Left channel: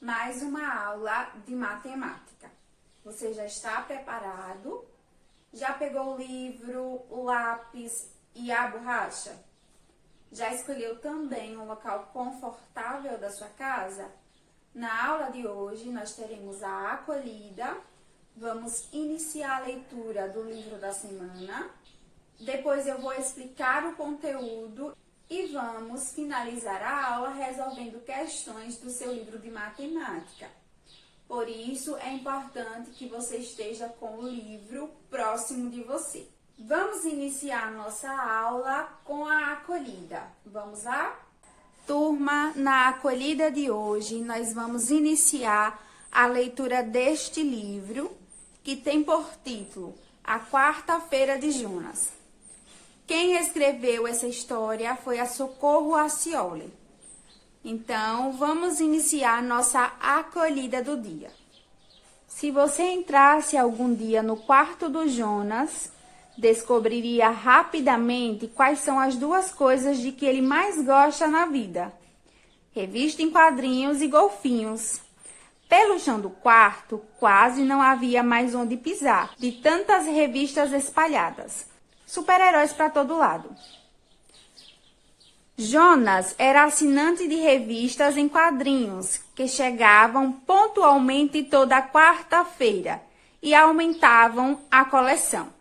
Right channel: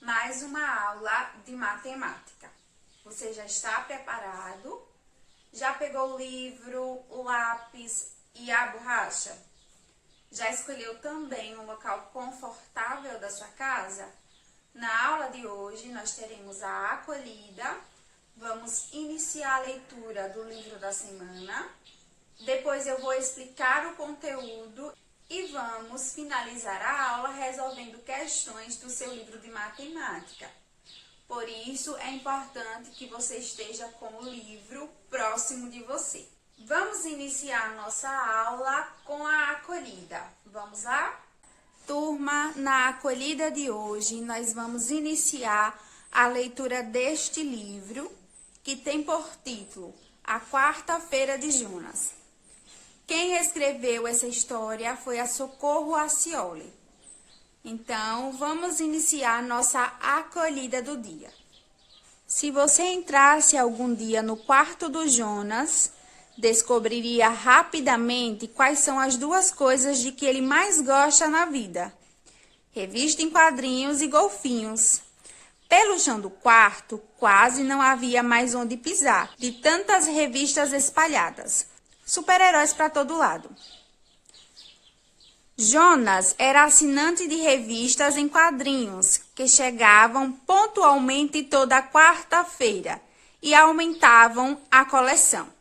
mais uma aula de matemática. Você já está preparado? Já pegou o livro, o lápis e a borracha? Já escolheu também um local confortável da sua casa? Na aula de hoje, nós teremos a acolhida, vamos iniciar a leitura do livro da semana, depois eu vou explicar o conteúdo e vamos finalizar a aula resolvendo questões do seu livro de matemática. Por isso, é importante que você esteja com o livro próximo de você. Vamos iniciar nossa aula com a acolhida. Vamos lá? Turma, na acolhida de hoje, nós vamos iniciar a leitura deste livro, que tem por título A Quarta-feira de Jonas. Quem escreveu essa história foi a Socorro Acioli. Então, vamos iniciar nossa acolhida do dia. Se você entrasse algum dia no quarto do Jonas, descobriria rapidamente quais são as duas coisas de que ele mais gosta na vida: revista em quadrinhos e golfinhos. Pelo chão do quarto, quase não havia mais onde pisar, de tantas revistas espalhadas. Super-heróis para todo lado. Jonas era assinante de revistas em quadrinhos, que chegavam pontualmente toda quarta-feira e aumentavam a coleção.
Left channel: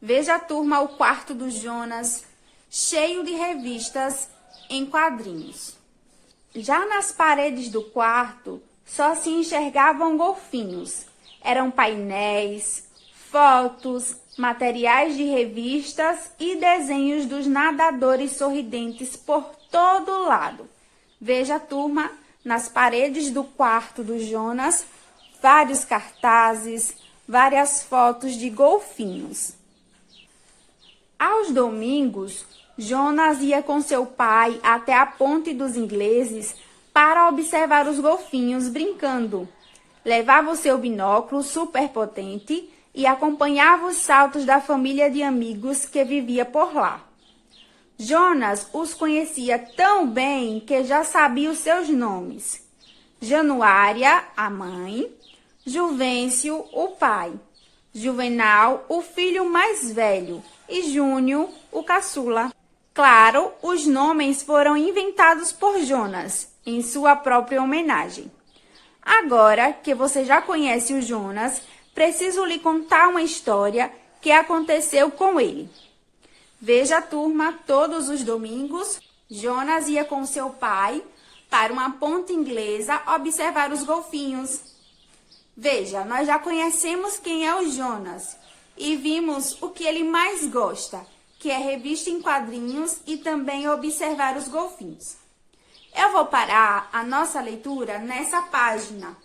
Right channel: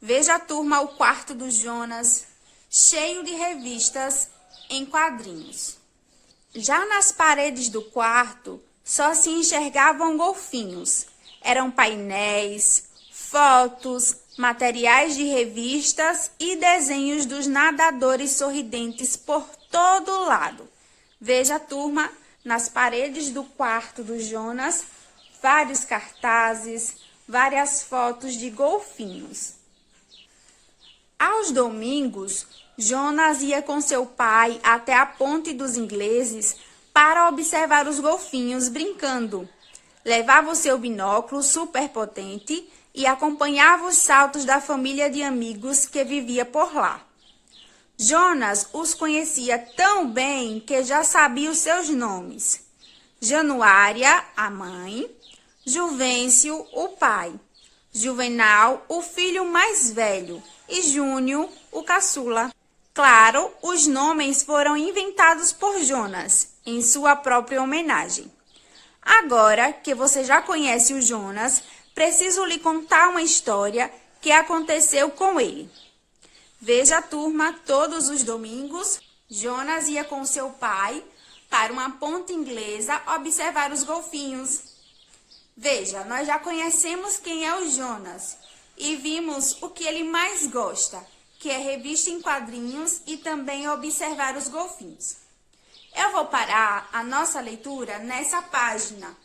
Veja, turma, o quarto do Jonas, cheio de revistas em quadrinhos. Já nas paredes do quarto, só se enxergavam golfinhos. Eram painéis, fotos, materiais de revistas e desenhos dos nadadores sorridentes por todo lado. Veja, turma, nas paredes do quarto do Jonas, vários cartazes, várias fotos de golfinhos. Aos domingos, Jonas ia com seu pai até a Ponte dos Ingleses para observar os golfinhos brincando. Levava o seu binóculo superpotente e acompanhava os saltos da família de amigos que vivia por lá. Jonas os conhecia tão bem que já sabia os seus nomes: Januária, a mãe; Juvencio, o pai; Juvenal, o filho mais velho; e Júnior, o caçula. Claro, os nomes foram inventados por Jonas, em sua própria homenagem. Agora que você já conhece o Jonas, preciso lhe contar uma história que aconteceu com ele. Veja, turma, todos os domingos, Jonas ia com seu pai para uma ponte inglesa observar os golfinhos. Veja, nós já conhecemos quem é o Jonas e vimos o que ele mais gosta, que é revista em quadrinhos e também observar os golfinhos. Eu vou parar a nossa leitura nessa página.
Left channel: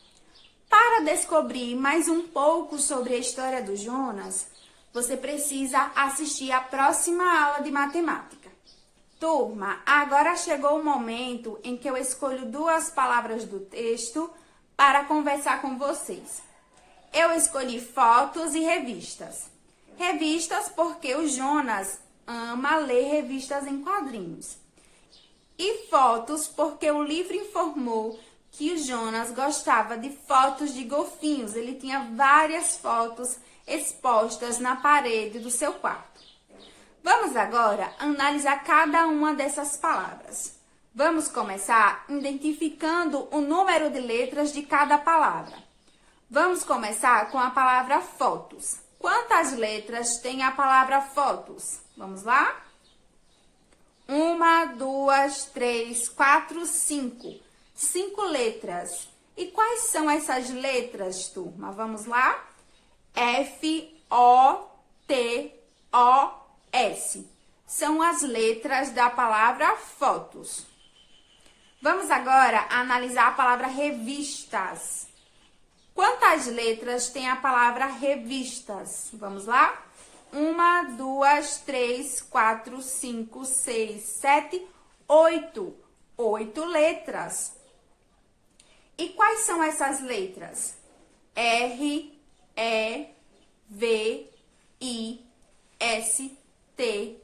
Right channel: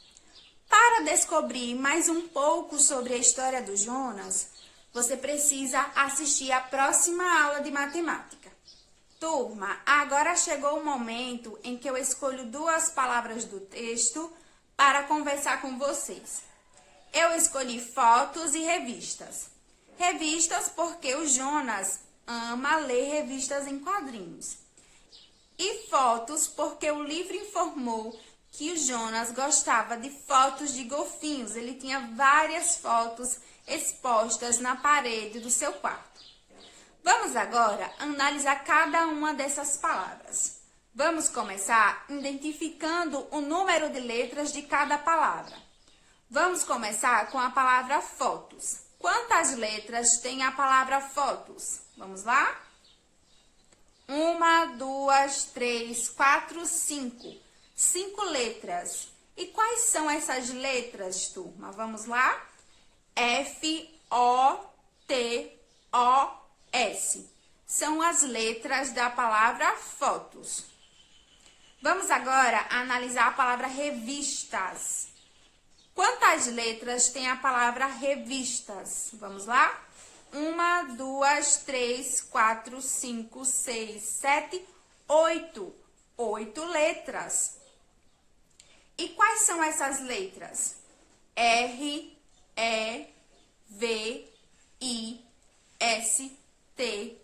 Para descobrir mais um pouco sobre a história do Jonas, você precisa assistir a próxima aula de matemática. Turma, agora chegou o momento em que eu escolho duas palavras do texto para conversar com vocês. Eu escolhi fotos e revistas. Revistas porque o Jonas ama ler revistas em quadrinhos. E fotos porque o livro informou que o Jonas gostava de fotos de golfinhos. Ele tinha várias fotos expostas na parede do seu quarto. Vamos agora analisar cada uma dessas palavras. Vamos começar identificando o número de letras de cada palavra. Vamos começar com a palavra fotos. Quantas letras tem a palavra fotos? Vamos lá? 1, 2, 3, 4, 5. 5 letras. E quais são essas letras, turma? Vamos lá? F-O-T-O-S. São as letras da palavra fotos. Vamos agora analisar a palavra revistas. Quantas letras tem a palavra revistas? Vamos lá? 1, 2, 3, 4, 5, 6, 7, 8. 8 letras. E quais são essas letras? R, E, V, I, S, T,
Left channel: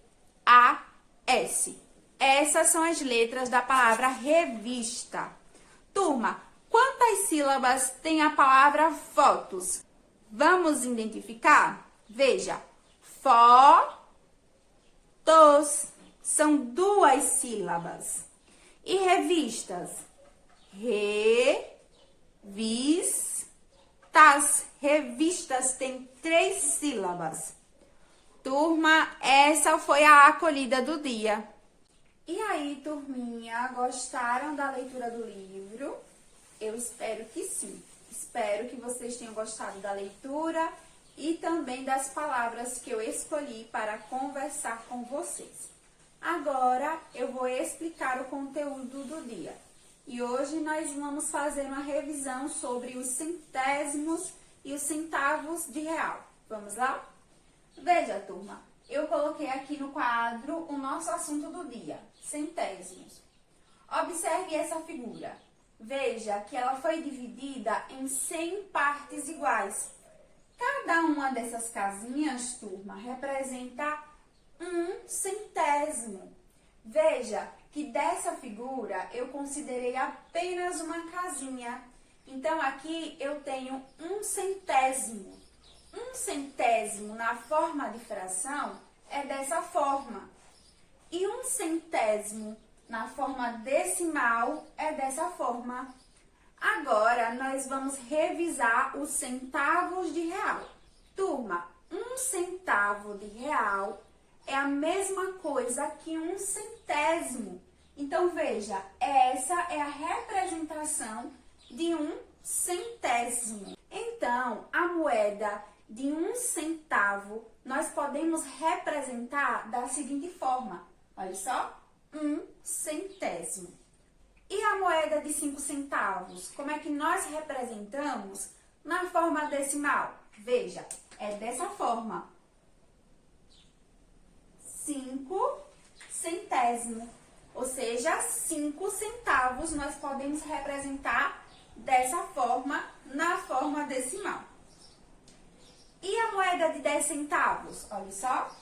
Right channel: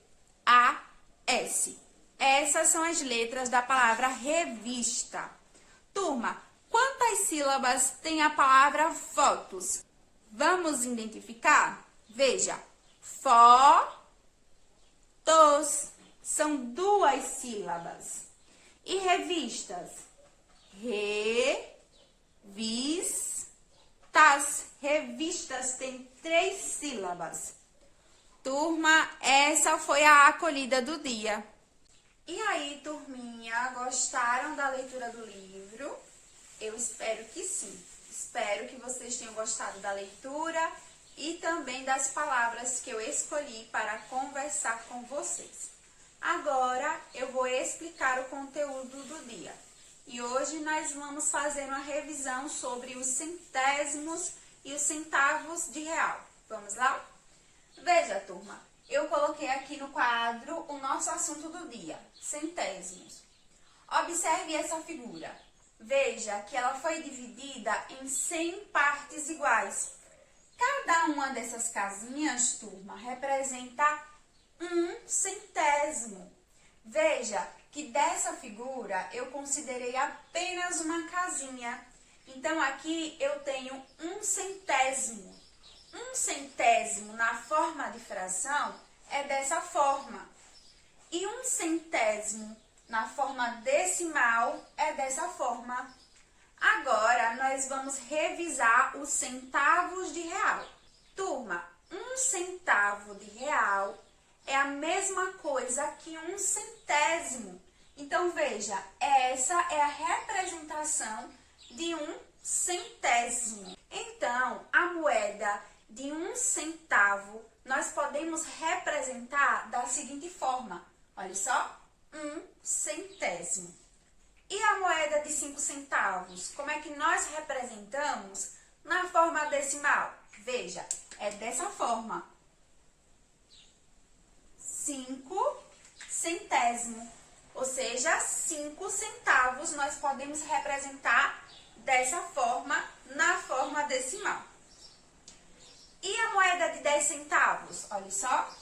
A, S. Essas são as letras da palavra revista. Turma, quantas quantas sílabas tem a palavra fotos? Vamos identificar? Veja, fotos são 2 sílabas. E revistas? Revistas. Revistas tem 3 sílabas. Turma, essa foi a acolhida do dia. E aí, turminha, gostaram da leitura do livro? Eu espero que sim. Espero que vocês tenham gostado da leitura e também das palavras que eu escolhi para conversar com vocês. Agora, eu vou explicar o conteúdo do dia. E hoje nós vamos fazer uma revisão sobre os centésimos e os centavos de real. Vamos lá? Veja, turma, eu coloquei aqui no quadro o nosso assunto do dia, centésimos. Observe essa figura. Veja que ela foi dividida em 100 partes iguais. Cada uma dessas casinhas, turma, representa 1 centésimo. Veja que dessa figura eu considerei apenas uma casinha. Então, aqui eu tenho 1 centésimo. 1 centésimo na forma de fração é dessa forma. E 1 centésimo na forma decimal é dessa forma. Agora, nós vamos revisar os centavos de real. Turma, 1 centavo de real é a mesma coisa que 1 centésimo. Então, veja, essa é a representação de 1 centésimo. Então, a moeda de 1 centavo, nós podemos representar da seguinte forma. Olha só, 1 centésimo. E a moeda de 5 centavos, como é que nós representamos na forma decimal? Veja, é dessa forma. 5 centésimo, ou seja, 5 centavos nós podemos representar dessa forma na forma decimal. E a moeda de 10 centavos? Olha só.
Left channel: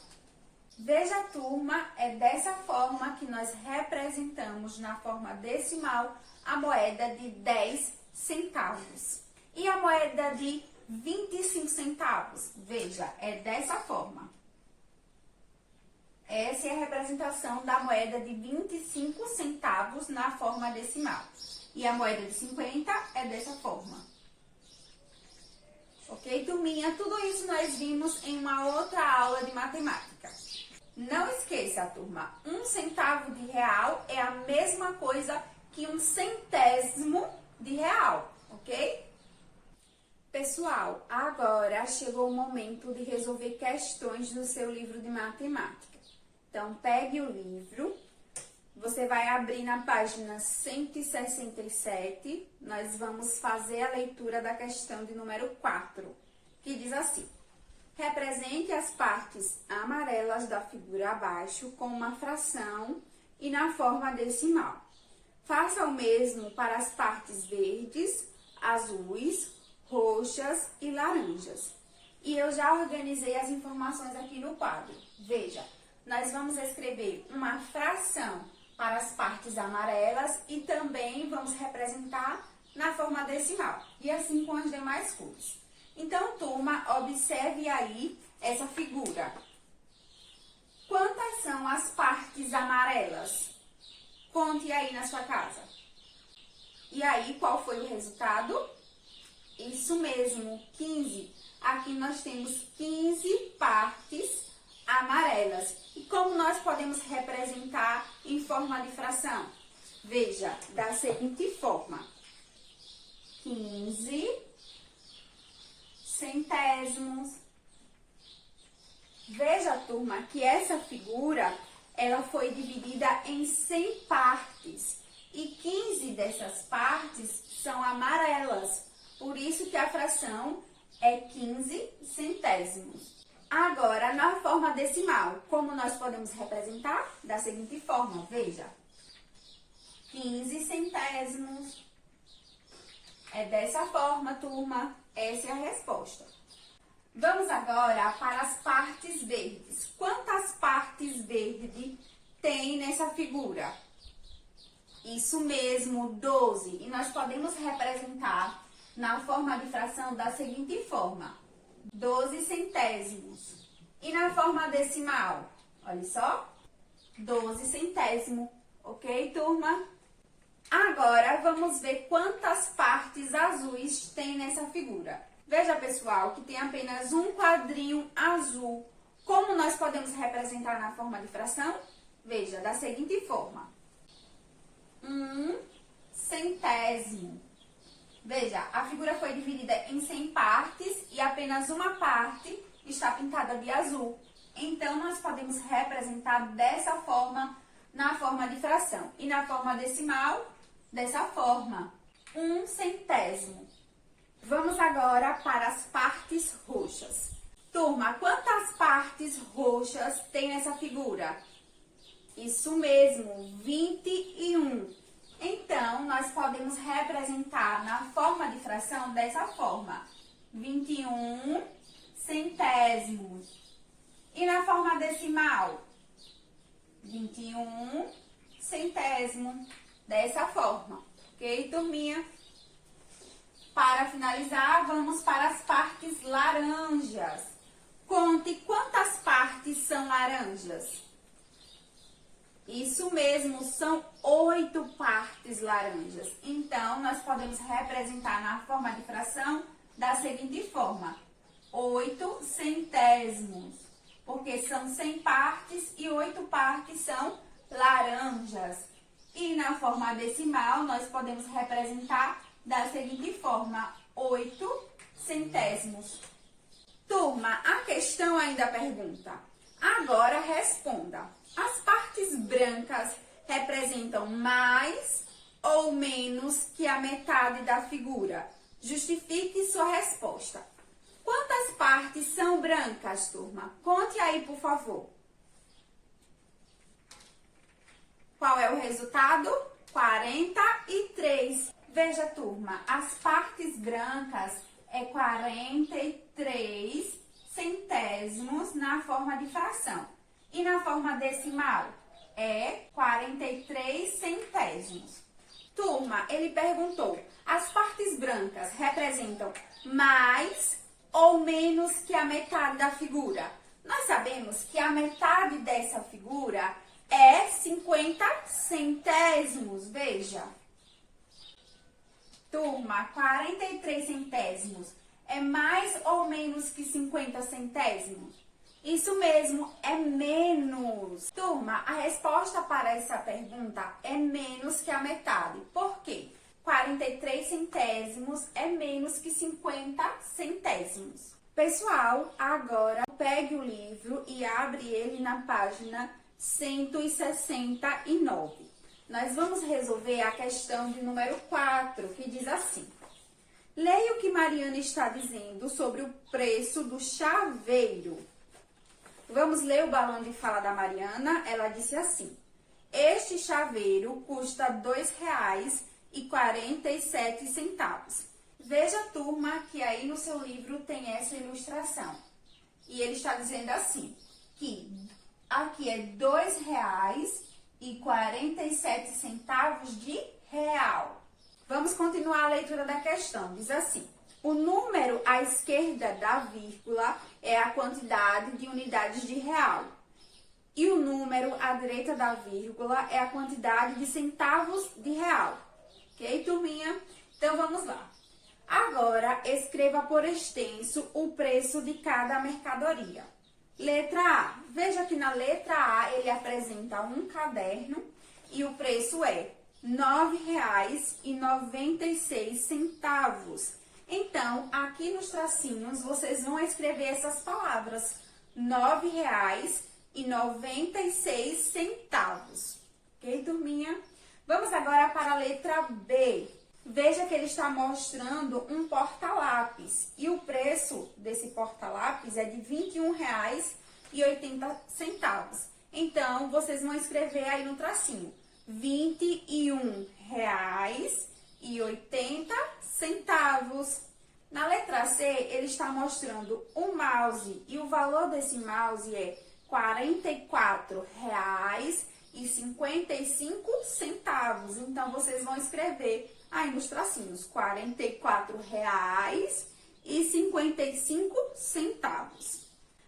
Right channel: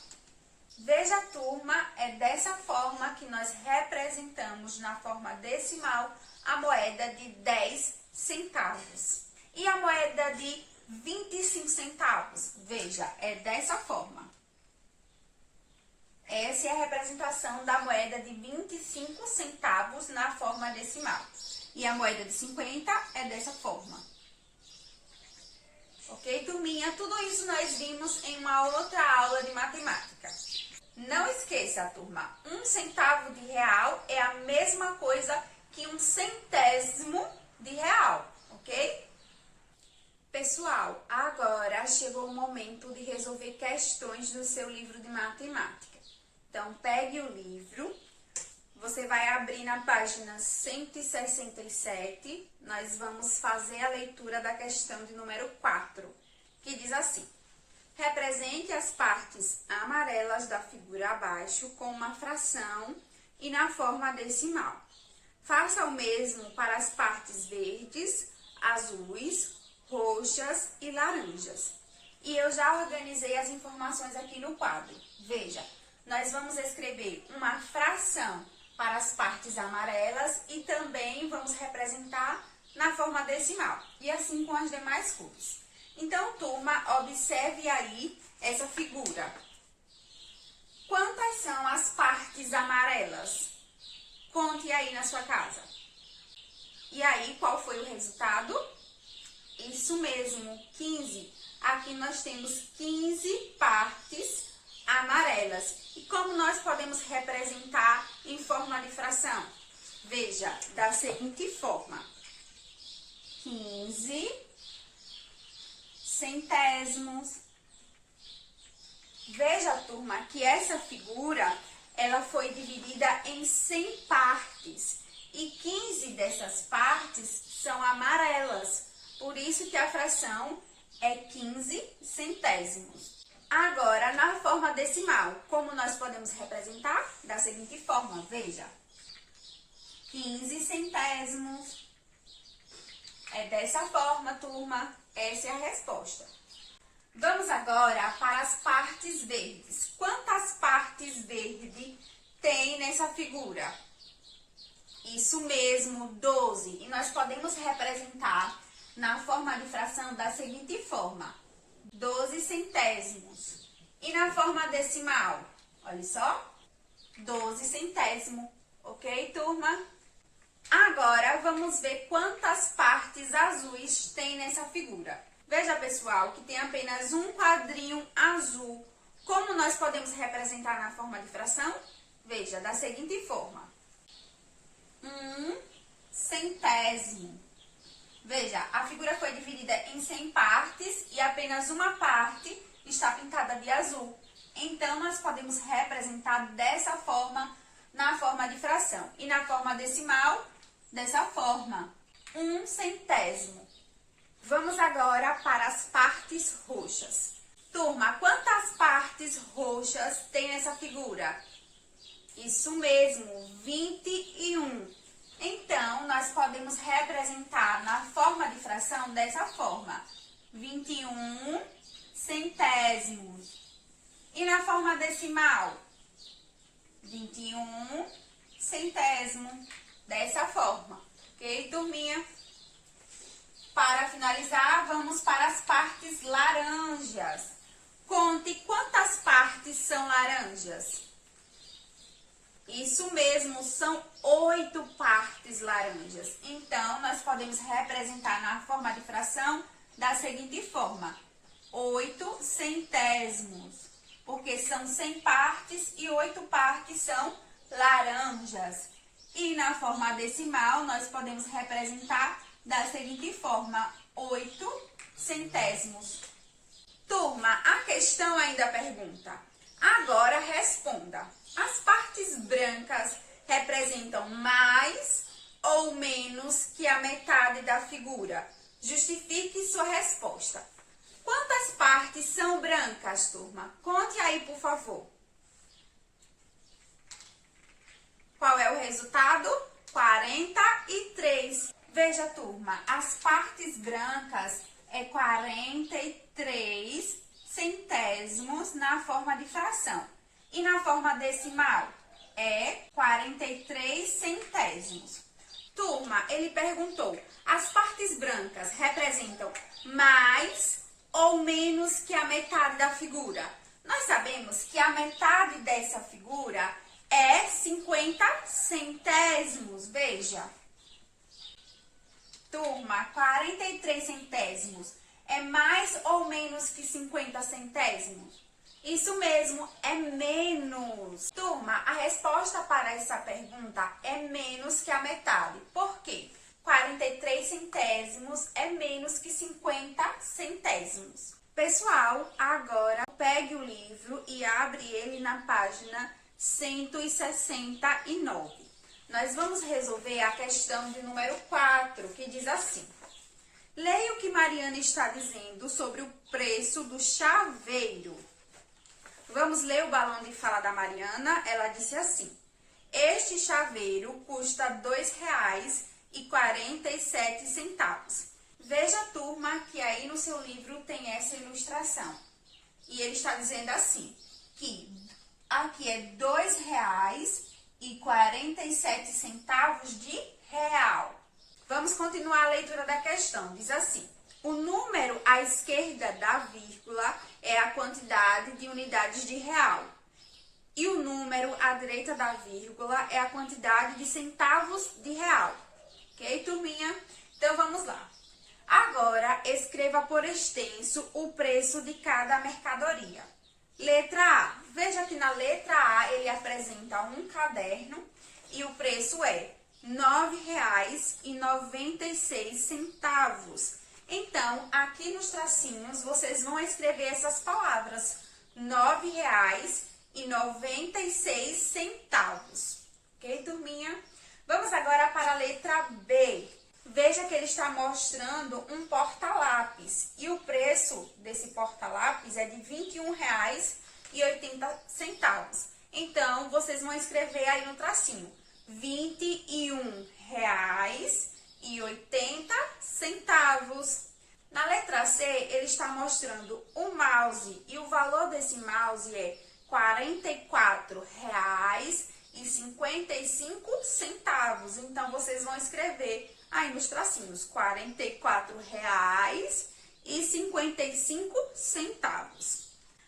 Veja, turma, é dessa forma que nós representamos na forma decimal a moeda de 10 centavos. E a moeda de 25 centavos? Veja, é dessa forma. Essa é a representação da moeda de 25 centavos na forma decimal. E a moeda de 50 é dessa forma. Ok, turminha? Tudo isso nós vimos em uma outra aula de matemática. Não esqueça, turma, 1 centavo de real é a mesma coisa que 1 centésimo de real, ok? Pessoal, agora chegou o momento de resolver questões do seu livro de matemática. Então, pegue o livro, você vai abrir na página 167, nós vamos fazer a leitura da questão de número 4, que diz assim: represente as partes amarelas da figura abaixo com uma fração e na forma decimal. Faça o mesmo para as partes verdes, azuis, roxas e laranjas. E eu já organizei as informações aqui no quadro. Veja, nós vamos escrever uma fração para as partes amarelas e também vamos representar na forma decimal. E assim com as demais cores. Então, turma, observe aí essa figura. Quantas são as partes amarelas? Conte aí na sua casa. E aí, qual foi o resultado? Isso mesmo, 15. Aqui nós temos 15 partes amarelas. E como nós podemos representar em forma de fração? Veja, da seguinte forma: 15 centésimos. Veja, turma, que essa figura, ela foi dividida em 100 partes. E 15 dessas partes são amarelas. Por isso que a fração é 15 centésimos. Agora, na forma decimal, como nós podemos representar? Da seguinte forma, veja. 15 centésimos. É dessa forma, turma. Essa é a resposta. Vamos agora para as partes verdes. Quantas partes verdes tem nessa figura? Isso mesmo, 12. E nós podemos representar na forma de fração da seguinte forma: 12 centésimos. E na forma decimal, olha só, 12 centésimo. Ok, turma? Agora, vamos ver quantas partes azuis tem nessa figura. Veja, pessoal, que tem apenas um quadrinho azul. Como nós podemos representar na forma de fração? Veja, da seguinte forma: 1 centésimo. Veja, a figura foi dividida em 100 partes e apenas uma parte está pintada de azul. Então, nós podemos representar dessa forma na forma de fração. E na forma decimal, dessa forma: 1 centésimo. Vamos agora para as partes roxas. Turma, quantas partes roxas tem nessa figura? Isso mesmo, 21. Então, nós podemos representar na forma de fração dessa forma: 21 centésimos. E na forma decimal: 21 centésimo. Dessa forma, ok, turminha? Para finalizar, vamos para as partes laranjas. Conte quantas partes são laranjas. Isso mesmo, são 8 partes laranjas. Então, nós podemos representar na forma de fração da seguinte forma: 8 centésimos. Porque são 100 partes e 8 partes são laranjas. E na forma decimal, nós podemos representar da seguinte forma: 8 centésimos. Turma, a questão ainda pergunta. Agora responda. As partes brancas representam mais ou menos que a metade da figura? Justifique sua resposta. Quantas partes são brancas, turma? Conte aí, por favor. Qual é o resultado? 43. Veja, turma, as partes brancas é 43 centésimos na forma de fração. E na forma decimal é 43 centésimos. Turma, ele perguntou: as partes brancas representam mais ou menos que a metade da figura? Nós sabemos que a metade dessa figura é 50 centésimos. Veja. Turma, 43 centésimos é mais ou menos que 50 centésimos? Isso mesmo, é menos. Turma, a resposta para essa pergunta é menos que a metade. Por quê? 43 centésimos é menos que 50 centésimos. Pessoal, agora pegue o livro e abre ele na página 169. Nós vamos resolver a questão de número 4, que diz assim: leia o que Mariana está dizendo sobre o preço do chaveiro. Vamos ler o balão de fala da Mariana. Ela disse assim: este chaveiro custa R$ 2,47. Veja, turma, que aí no seu livro tem essa ilustração. E ele está dizendo assim, que aqui é R$ 2,47 de real. Vamos continuar a leitura da questão. Diz assim: o número à esquerda da vírgula é a quantidade de unidades de real. E o número à direita da vírgula é a quantidade de centavos de real. Ok, turminha? Então, vamos lá. Agora, escreva por extenso o preço de cada mercadoria. Letra A. Veja que na letra A ele apresenta um caderno e o preço é R$ 9,96. Então, aqui nos tracinhos, vocês vão escrever essas palavras: R$ 9,96. Ok, turminha? Vamos agora para a letra B. Veja que ele está mostrando um porta-lápis. E o preço desse porta-lápis é de R$ 21,80. Então, vocês vão escrever aí no tracinho: R$ 21,80. Na letra C, ele está mostrando um mouse e o valor desse mouse é R$ 44,90. e 55 centavos. Então, vocês vão escrever aí nos tracinhos, R$ 44,55.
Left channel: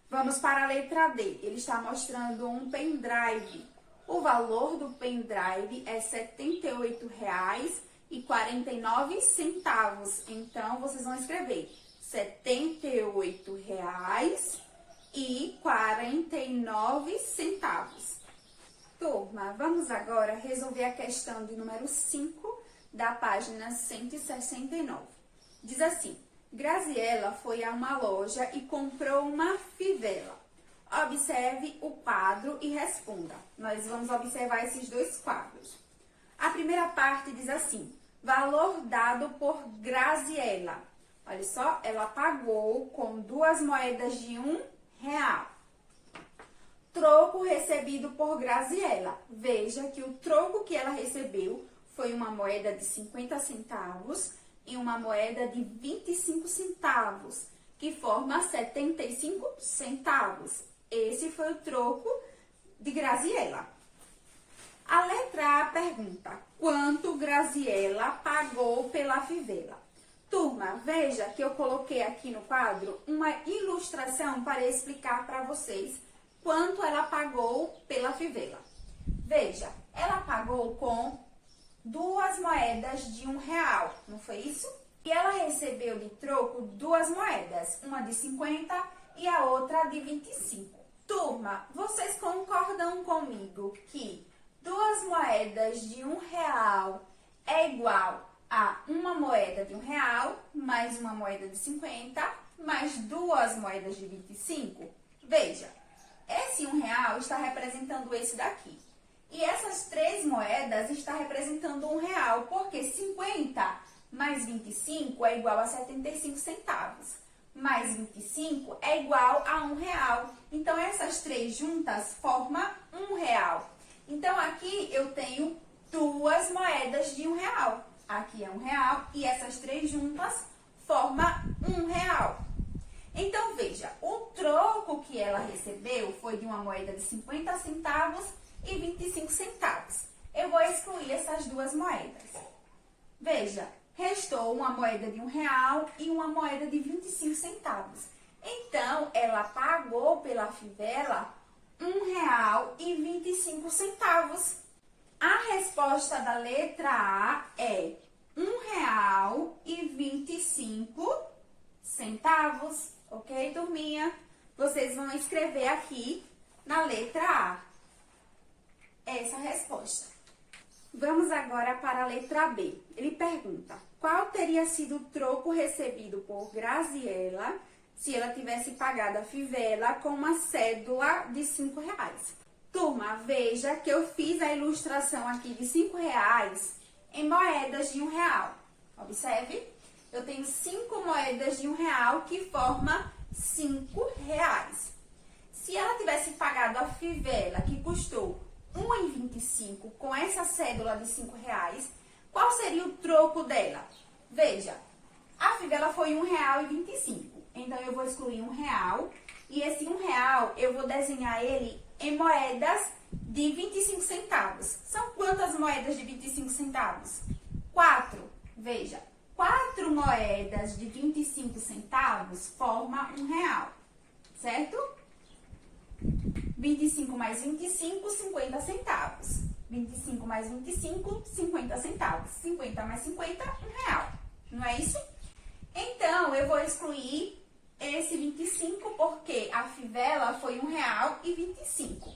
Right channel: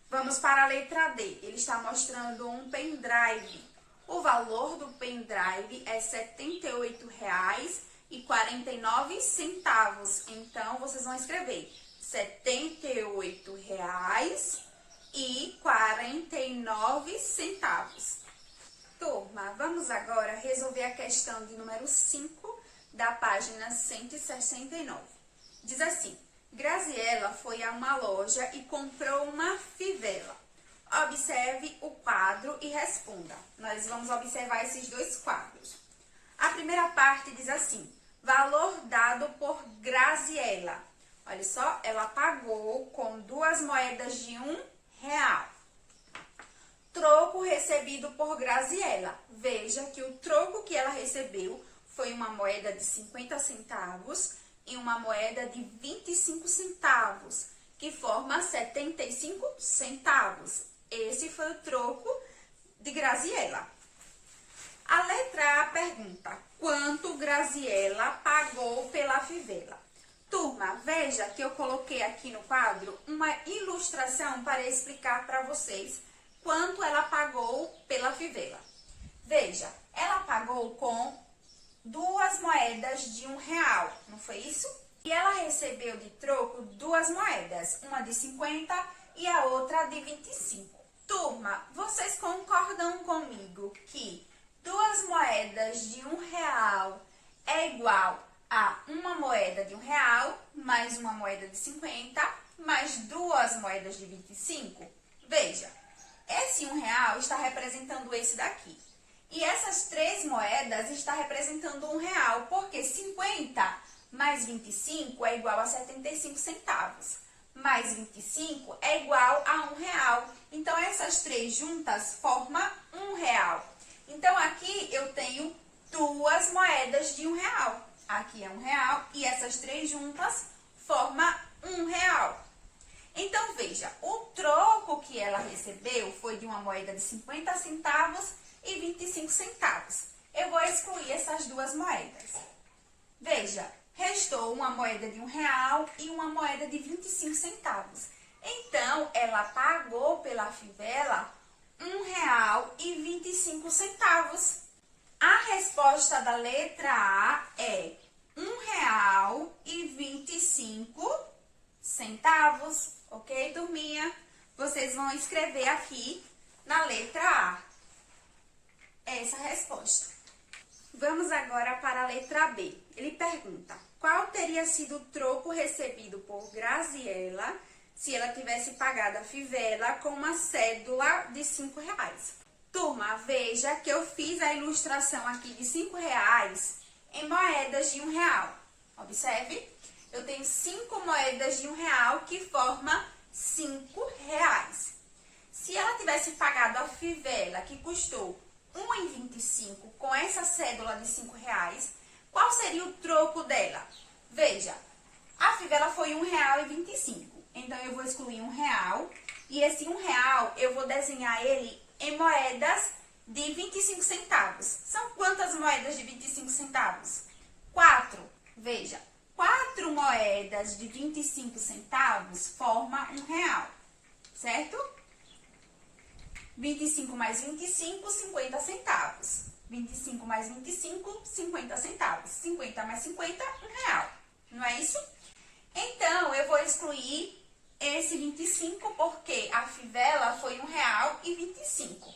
Vamos para a letra D. Ele está mostrando um pendrive. O valor do pendrive é R$ 78,49. Então, vocês vão escrever R$ 78,49. Turma, vamos agora resolver a questão de número 5 da página 169. Diz assim: Graziela foi a uma loja e comprou uma fivela. Observe o quadro e responda. Nós vamos observar esses dois quadros. A primeira parte diz assim: valor dado por Graziela. Olha só, ela pagou com 2 moedas de R$1. Troco recebido por Graziela. Veja que o troco que ela recebeu foi uma moeda de 50 centavos e uma moeda de 25 centavos, que forma 75 centavos. Esse foi o troco de Graziela. A letra A pergunta: quanto Graziela pagou pela fivela? Turma, veja que eu coloquei aqui no quadro uma ilustração para explicar para vocês quanto ela pagou pela fivela. Veja, ela pagou com 2 moedas de R$1, não foi isso? E ela recebeu de troco 2 moedas, uma de 50 e a outra de 25. Turma, vocês concordam comigo que 2 moedas de R$1 é igual a uma moeda de R$1 mais uma moeda de 50 mais 2 moedas de 25? Veja, esse R$1 está representando esse daqui. E essas 3 moedas estão representando R$1, porque 50 mais 25 é igual a 75 centavos. Mais 25 é igual a R$1. Então, essas 3 juntas formam R$1. Então, aqui eu tenho 2 moedas de R$1. Aqui é R$1 e essas 3 juntas formam R$1. Então, veja, o troco que ela recebeu foi de uma moeda de 50 centavos e 25 centavos. Eu vou excluir essas 2 moedas. Veja, restou uma moeda de R$1 e uma moeda de 25 centavos. Então, ela pagou pela fivela R$1,25. A resposta da letra A é R$1,25. Ok, turminha? Vocês vão escrever aqui na letra A essa resposta. Vamos agora para a letra B. Ele pergunta: qual teria sido o troco recebido por Graziela se ela tivesse pagado a fivela com uma cédula de R$5? Turma, veja que eu fiz a ilustração aqui de R$5 em moedas de R$1. Observe, eu tenho 5 moedas de R$1 que formam R$5. Se ela tivesse pagado a fivela, que custou R$1,25 com essa cédula de R$5, qual seria o troco dela? Veja, a fivela foi R$1,25. Então, eu vou excluir R$1 e esse R$1 eu vou desenhar ele em moedas de 25 centavos. São quantas moedas de 25 centavos? 4. Veja, 4 moedas de 25 centavos formam R$1, certo? 25 mais 25, 50 centavos. 25 mais 25, 50 centavos. 50 mais 50, R$1. Não é isso? Então, eu vou excluir esse 25 porque a fivela foi R$1,25.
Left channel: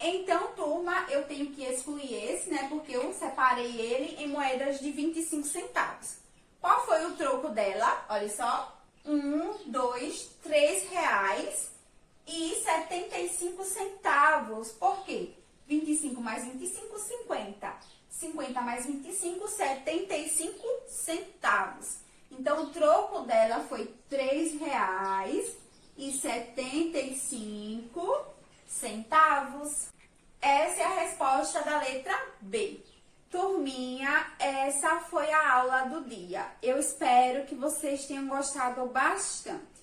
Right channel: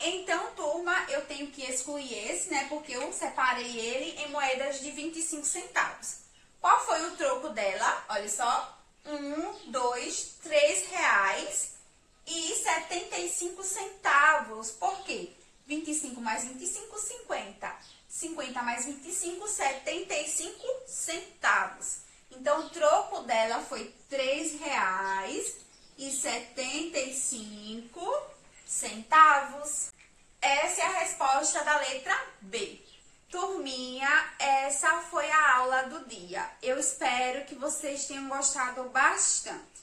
Então, turma, eu tenho que excluir esse, né? Porque eu separei ele em moedas de 25 centavos. Qual foi o troco dela? Olha só. 1, 2, R$3,75. Por quê? 25 mais 25, 50. 50 mais 25, 75 centavos. Então, o troco dela foi R$3,75. Essa é a resposta da letra B. Turminha, essa foi a aula do dia. Eu espero que vocês tenham gostado bastante.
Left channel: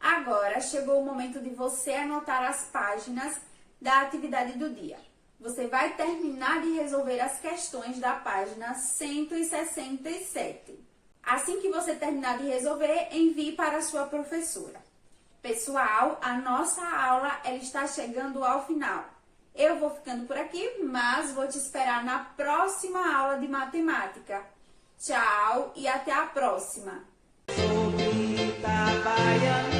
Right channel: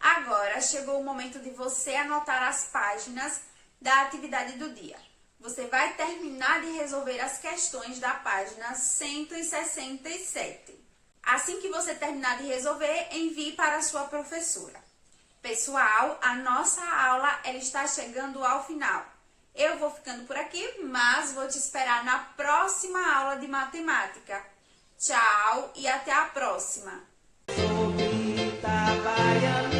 Agora, chegou o momento de você anotar as páginas da atividade do dia. Você vai terminar de resolver as questões da página 167. Assim que você terminar de resolver, envie para a sua professora. Pessoal, a nossa aula ela está chegando ao final. Eu vou ficando por aqui, mas vou te esperar na próxima aula de matemática. Tchau e até a próxima! Sou Rita Baiana.